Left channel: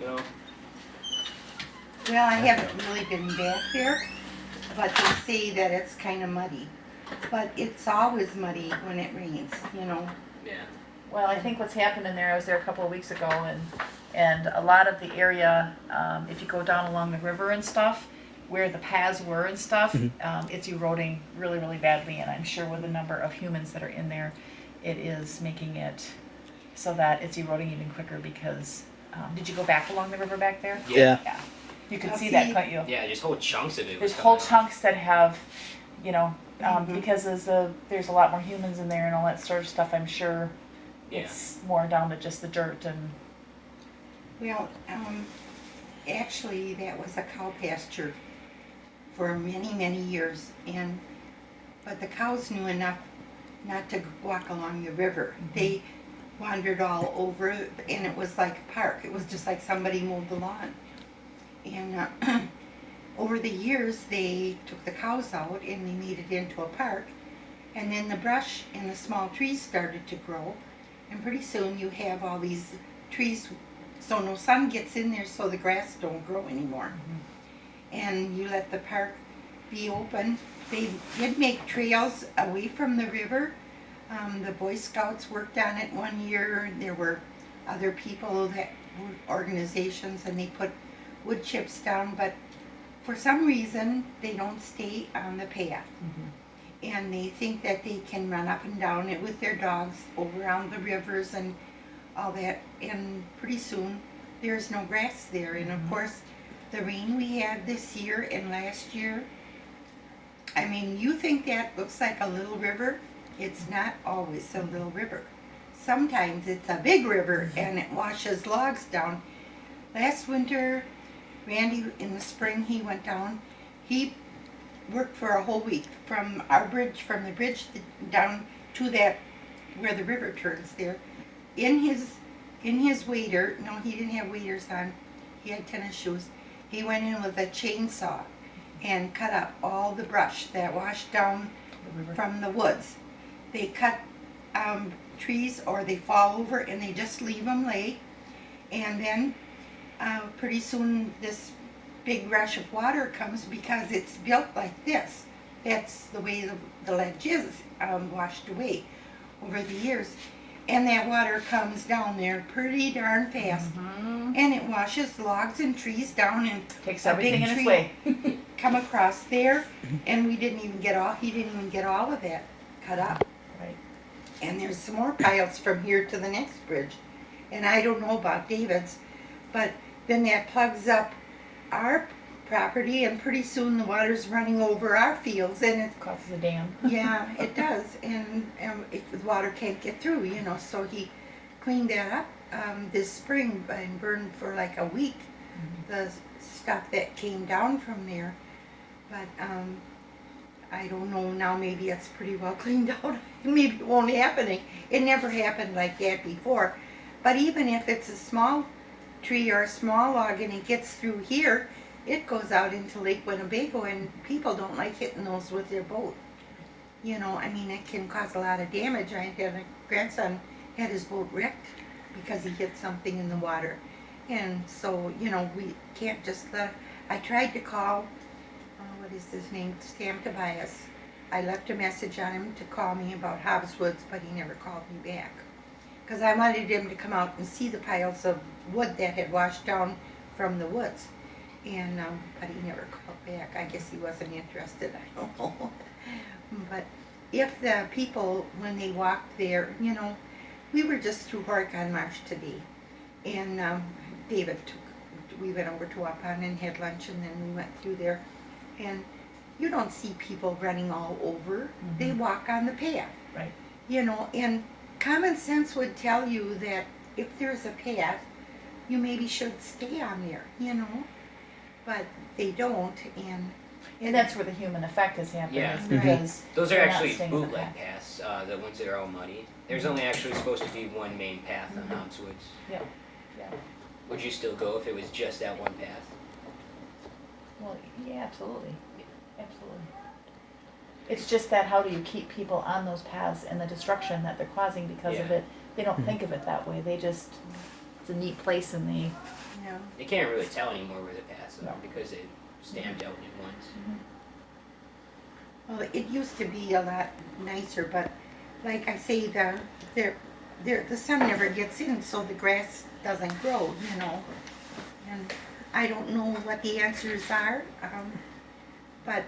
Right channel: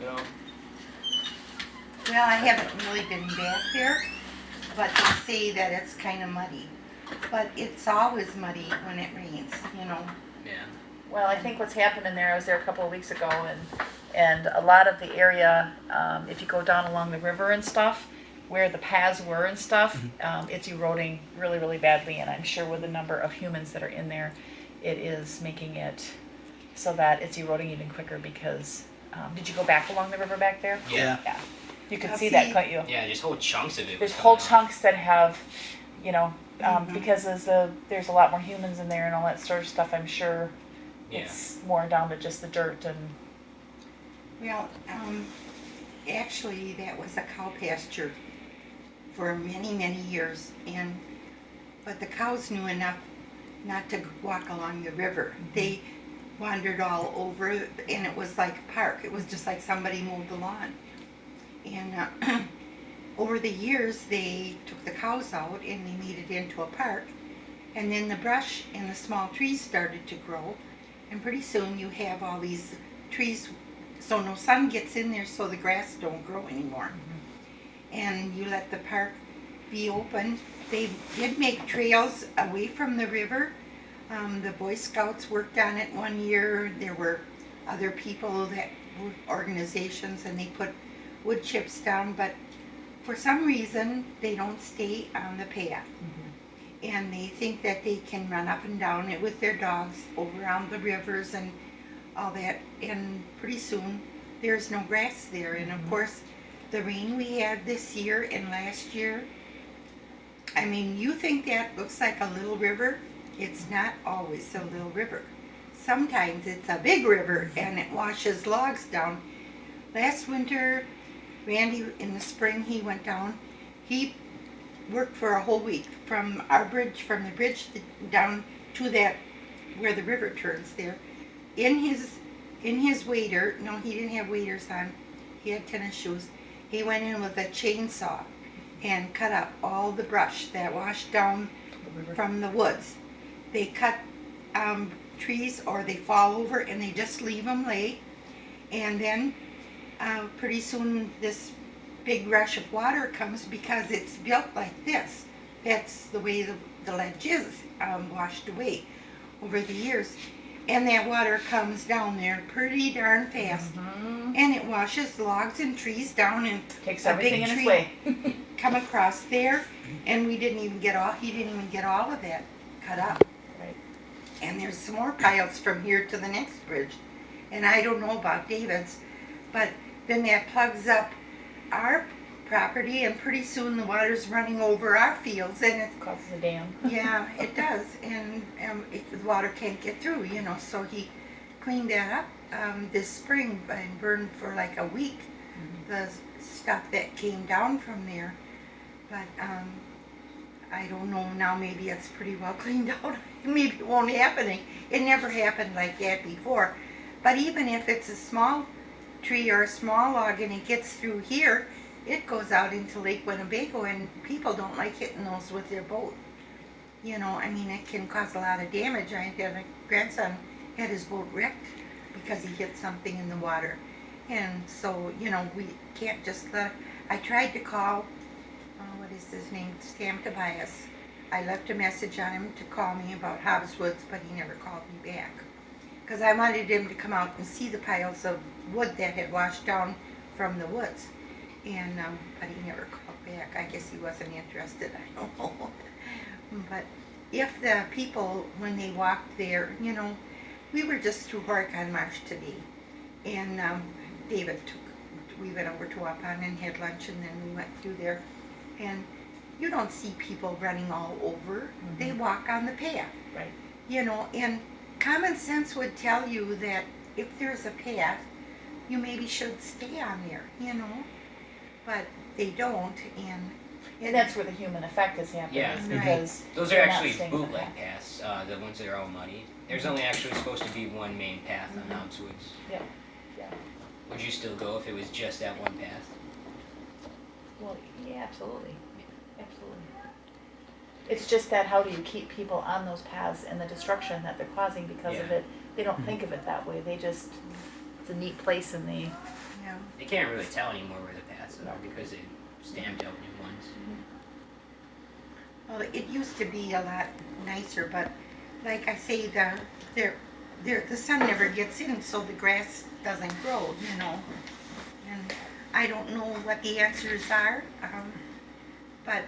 you know? Well, I haven't really been back there, but they say that it's kind of muddy. But it's always muddy when it rains, you know. Yeah. Well, I think what's happened in there, I was there a couple of weeks ago, and a lot of the area, if you go down along the river and stuff, where the paths were and stuff, it's eroding really, really badly. And I'm sure with the number of humans that are in there, it is making it so that it's eroding even quicker because, did you go back along the river back there? Yeah. Yeah. You could I'll see that, see. couldn't you? Yeah, just whole chunks of it. There's was whole coming out. chunks that have, you know, because there's a lot more humans in there and all that sort of stuff. I'm sure Yeah. it's more down to just the dirt and. Well, actually, that was a cow pasture for many, many years, but the cows knew enough not to walk along the river. They wandered all over, and it was like a park. It was just like somebody mowed the lawn. And over the years, they took the cows out and they made it into a park. And then the brush and the small trees started to grow, and pretty soon you have all these trees, so no sun gets in there, so the grass don't grow anymore. And you let the park be open. They did make trails away from the river. The Boy Scouts worked on it one year. There were other people that were organizations, and they put wood chips down, but for some reason they don't stay on the path. And they think that they can run up and down it with their dogs over around the rivers and all that, and pretty soon there's no grass there. And of course, the rain we had this year and last year, I mean, you think that looks like a little river. It's not always a little river. Sometimes it's a big river and it washes logs down. Last winter, Randy, in the spring, he went down. He worked for a whole week from our bridge, from the bridge down to that where the river turns there. In his wader, no, he didn't have waders on. He had tennis shoes. He went in with a chainsaw and cut up all the brush that washed down from the woods. They cut trees or they fall over and they just leave them lay. And then pretty soon this big rush of water comes because it's built like this. That's the way the ledge is washed away over the years. And that water comes down there pretty darn fast. And it washes logs and trees down, and Takes a everything big in its tree way. come across there, and he didn't even get all of that cut up. Right. And there's some more piles from here to the next bridge. And I don't know about David's, but then that plugs up our property, and pretty soon the water's running over our fields, and it's Crosses a dam. yeah, it does, and the water can't get through, you know. So he cleaned that up this spring and burned for like a week the stuff that came down from there. But I don't know now. Maybe it's pretty well cleaned out. Maybe it won't happen. It never happened like that before. But even if it's a small tree or a small log and it gets through here, it goes out into Lake Winnebago, and people don't like hitting those with their boat. You know, I mean, it can cause a lot of damage. I had a grandson had his boat wrecked because he hit something in the water. And so, you know, we can't just let. I tried to call, what is his name, Sam Tobias. I left a message on him to call me about Hobbs Woods, but he never called me back. Because I wanted him to come out and see the piles of wood that had washed down from the woods. And but he never called back. I guess he wasn't interested. I don't know. But if the people, when they walked there, you know, we were just through Horicon Marsh today, and David we went over to Waupun and had lunch, and then we went through there, and you don't see people running all over. They walk on the path. Right. You know, and common sense would tell you that if there's a path, you maybe should stay on there, you know. But they don't, And that's where the human effect has happened, Yeah. is because Those are they're not actually staying on the bootleg path. paths, the ones that are all muddy. There's only actually supposed to be one main path on Hobbs Woods. Yeah, yeah. Would you still go if it was just that one path? Well, yeah, absolutely. Absolutely. It's just that how do you keep people on those paths and the destruction that they're causing because of Yeah. it? They don't think of it that way. They just, it's a neat place and they Yeah. You can't really tell anymore where the paths No. are because they stamped out new ones. Well, it used to be a lot nicer, but like I say, the sun never gets in, so the grass doesn't grow, you know. And I don't know what the answers are, but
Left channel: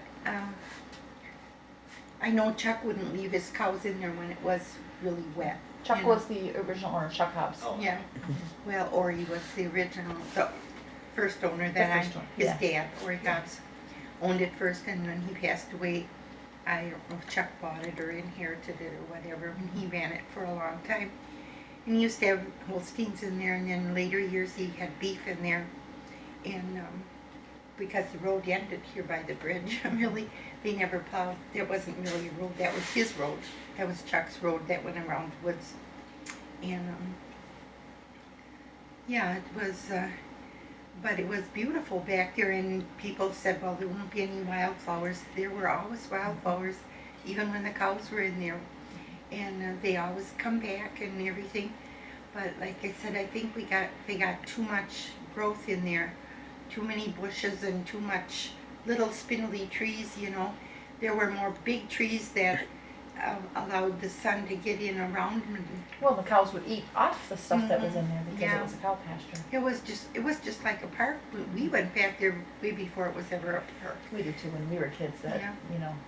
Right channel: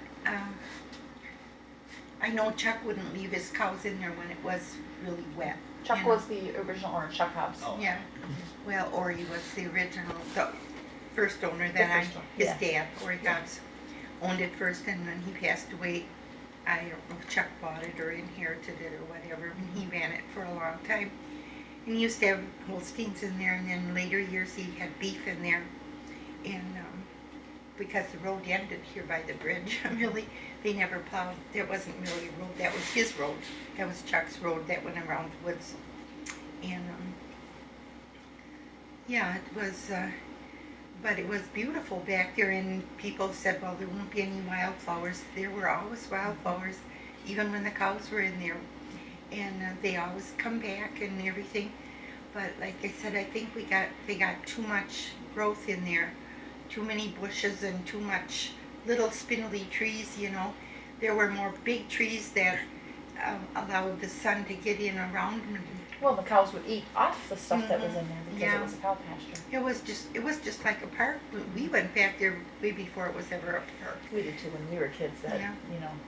I know Chuck wouldn't leave his cows in there when it was really wet. Chuck you know. was the original owner, Chuck Hobbs. Oh. Yeah, well, Ori was the original, the first owner that first one, his yeah. dad, Ori Hobbs, owned it first, and when he passed away, I don't know if Chuck bought it or inherited it or whatever, and he ran it for a long time. And he used to have Holsteins in there, and then later years he had beef in there, and because the road ended here by the bridge, really, they never plowed, there wasn't really a road, that was his road, that was Chuck's road that went around the woods. And yeah, it was, but it was beautiful back there, and people said, well, there won't be any wildflowers. There were always wildflowers, even when the cows were in there, and they always come back and everything. But like I said, I think they got too much growth in there, too many bushes and too much little spindly trees, you know. There were more big trees that allowed the sun to get in around them. Well, the cows would eat off the stuff that was in there because Yeah. it was a cow pasture. It was just like a park. We went back there way before it was ever a park. We did too when we were kids. That Yeah. you know.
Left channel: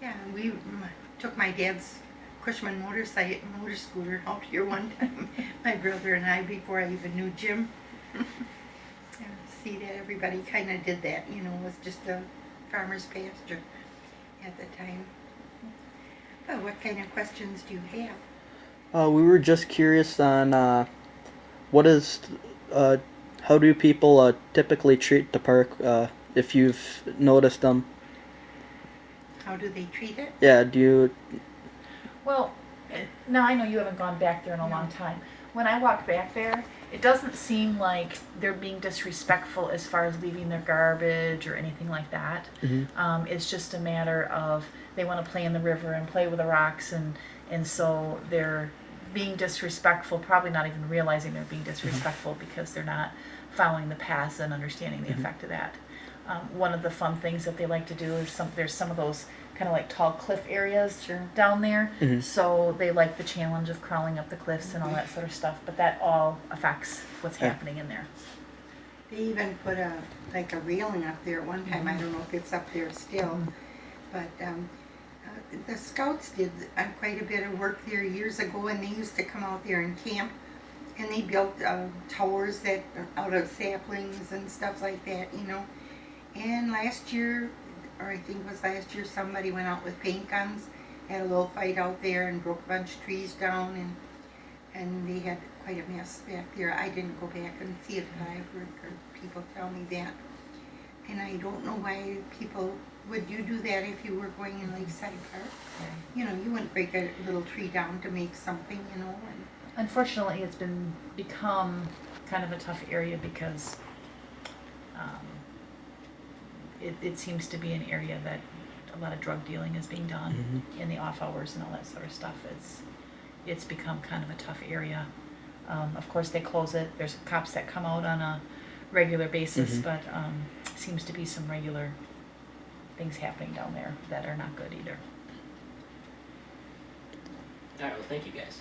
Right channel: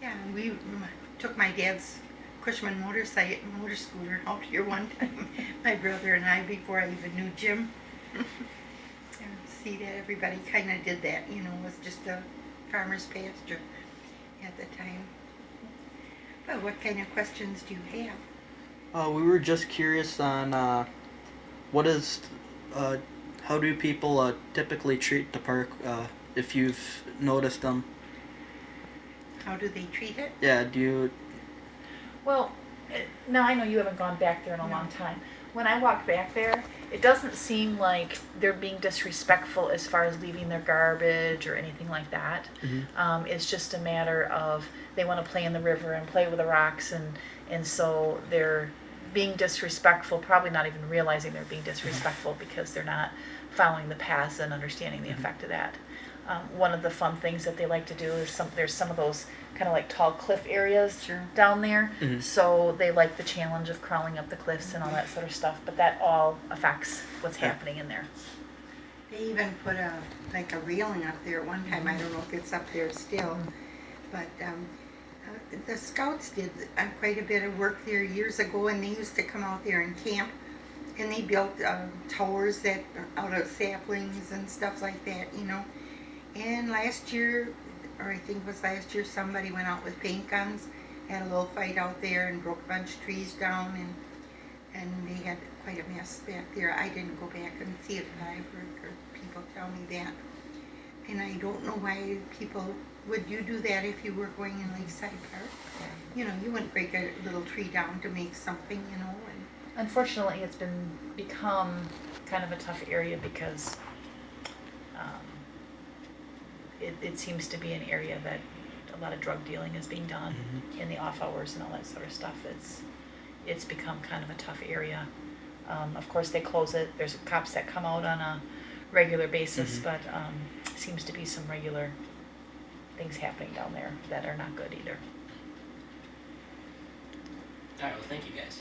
Yeah, and we took my dad's Cushman motor scooter out here one time, my brother and I, before I even knew Jim. Yeah, see that everybody kind of did that, you know, it was just a farmer's pasture at the time. Well, what kind of questions do you have? We were just curious on how do people typically treat the park if you've noticed them? How do they treat it? Yeah, do you? Well, now I know you haven't gone back there in a long time. When I walk back there, it doesn't seem like they're being disrespectful as far as leaving their garbage or anything like that. Mhm. It's just a matter of they want to play in the river and play with the rocks, and so they're being disrespectful, probably not even realizing they're being disrespectful because they're not following the paths and understanding the effect of that. One of the fun things that they like to do is there's some of those kind of like tall cliff areas down there. Mhm. So they like the challenge of crawling up the cliffs and all that sort of stuff. But that all affects what's happening in there. They even put a railing up there at one time. I don't know if it's up there still, but the scouts did quite a bit of work there years ago, and they used to come out there and camp, and they built towers that out of saplings and stuff like that, you know. And last year, or I think it was last year, somebody went out with paint guns, had a little fight out there, and broke a bunch of trees down, and they had quite a mess back there. I didn't go back and see it, but I've heard people tell me that. And I don't know why would you do that if you were going in Lakeside Park? You know, you wouldn't break a little tree down to make something, you know. And Unfortunately, it's become kind of a tough area because it seems to be an area that a lot of drug dealing is being done in the off hours and all that sort of stuff. It's become kind of a tough area. Of course, they close it. There's cops that come out on a regular basis, but seems to be some regular things happening down there that are not good either. All right, well, thank you guys.